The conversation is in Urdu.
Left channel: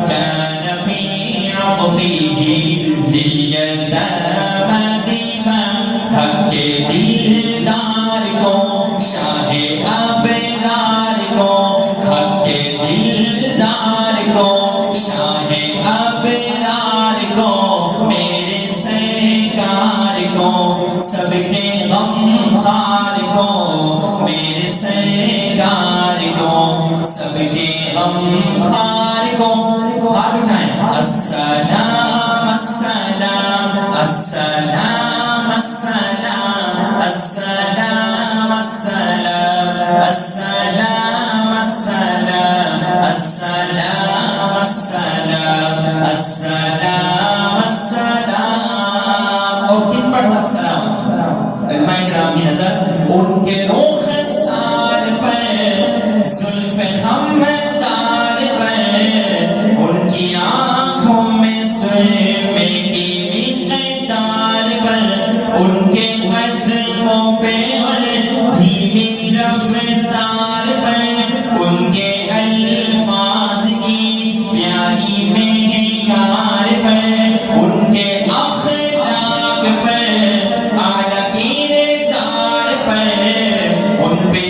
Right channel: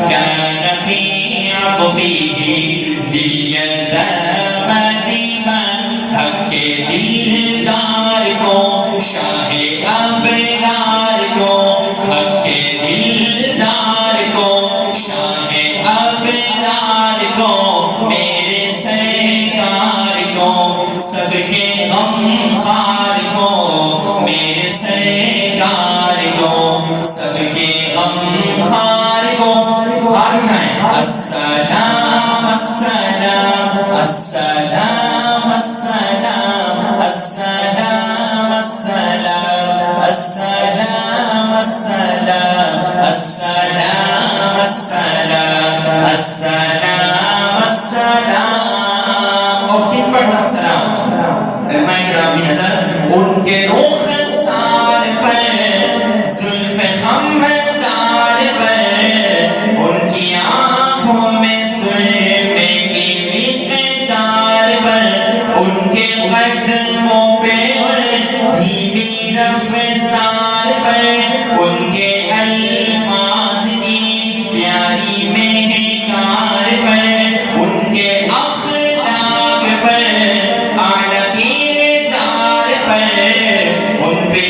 كان في عطفه لليتامى دفاع حق کے دلدار کو شاہ ابرار کو حق کے دلدار کو شاہ ابرار کو میرے سرکار کو سب کے غمخوار کو میرے سرکار کو سب کے غمخوار کو ہاتھ اٹھائیں السلام السلام السلام السلام السلام السلام السلام السلام السلام السلام السلام السلام اور تین پڑھنا سلام علماء کرام حضرت ان کے رخسار پر زلف خمدار پر ان کی آنکھوں میں سرمے کی مقدار پر ان کے قدموں پہ اور دھیمی رفتار پر ان کے الفاظ کی پیاری مہکار پر ان کے اخلاق پر اعلیٰ کردار پر ان پہ